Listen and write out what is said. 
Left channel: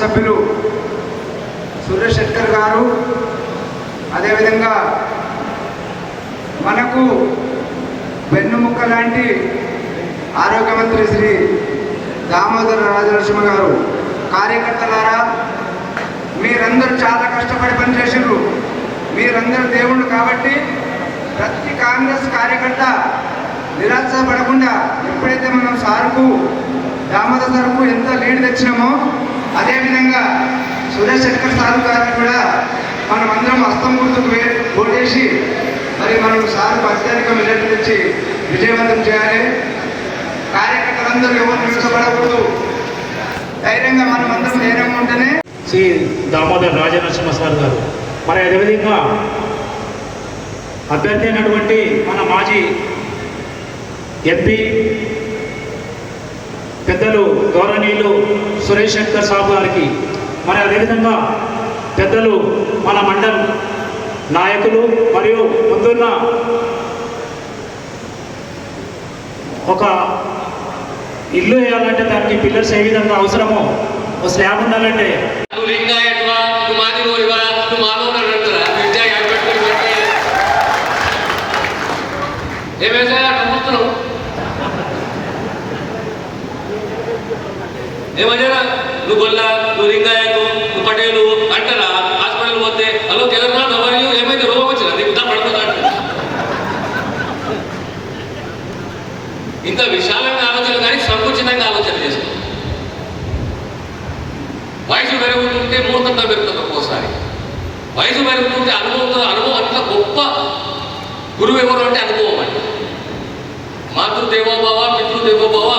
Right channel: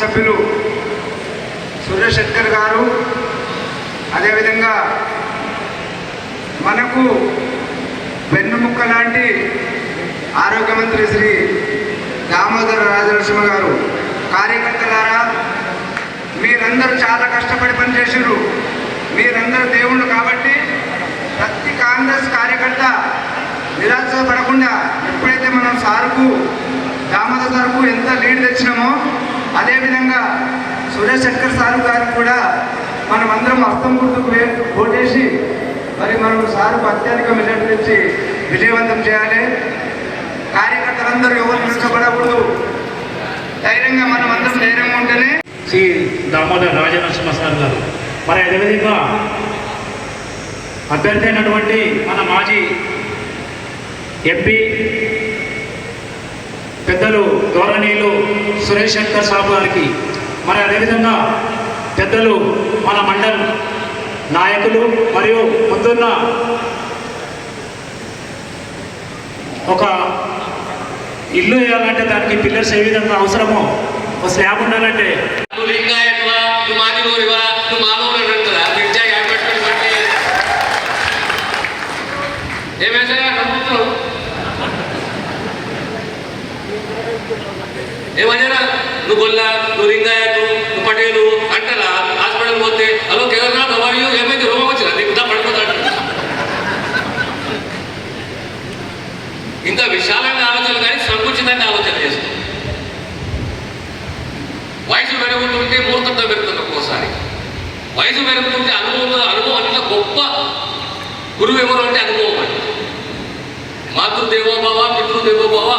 సభ్యులు సురేష్ గారు అదేవిధంగా మనకు వెన్నుముక్క లాంటి ఆరోగ్య మంత్రి శ్రీ దామోదర రాజనరసింహ గారు కార్యకర్తలారా మీరందరూ చాలా కష్టపడి పనిచేసారు మీరందరూ దేవుళ్ళు కాబట్టి ప్రతి కాంగ్రెస్ కార్యకర్త నిరాశపడకుండా ఎప్పుడైతే మనం సారుకు దామోదర్ సార్కు ఎంత లీడ్ తెచ్చినామో అదేవిధంగా సురేష్ శంకర్ సారు గారు కూడా మనం అందరం హస్తం గుర్తుకు ఓటేసి మరి మనకు సార్ అత్యధిక మెజార్టీ తెచ్చి విజయవంతం చేయాలి. కార్యకర్తలందరూ ఎవరు నిలిచబడకూడదు ధైర్యంగా మనం అందరం ధైర్యంగా ఉంటేనే శ్రీ దామోదర్ రాజనరసింహ సార్ గారు. మరి అదేవిధంగా అభ్యర్థి అయినటువంటి మన మాజీ ఎంపీ పెద్దలు గౌరవనీయులు సురేష్ శంకర్ సాబు గారికి. మరి అదేవిధంగా పెద్దలు మన మండలం నాయకులు మరియు ముందున్న ఒక ఇల్లు వేయాలంటే దానికి పిల్లర్స్ ఏ విధంగా అవసరమో ఒక స్లాబ్ ఉండాలంటే. నువ్వు నమ్ముతున్నావు నువ్వు గొల్ల నువ్వు లింగాయతు నువ్వు పటేలు అంటారా హాస్పిటల్ పోతే హలో తెలంగాణ అవ్వాలి ఏమైతే రోగం వచ్చిందా? నీకు పడుకుంటాడు పడిపోతాడు ఇంకా విశాలంగా ఆలోచన కానీ సంకుచితంగా ఆలోచన చేస్తుంది వయసు పెరుగుతుంటే మూర్ఖంగా పెరుగుతుంది ఒక్కోసారి. వయసు పెరుగుతుంటే అనుభవంతో అనుభవం అంత గొప్ప గురువు ఎవరు అంటే అనుభవం అంటే మాతృదేవోభావ పితృదేవోభావ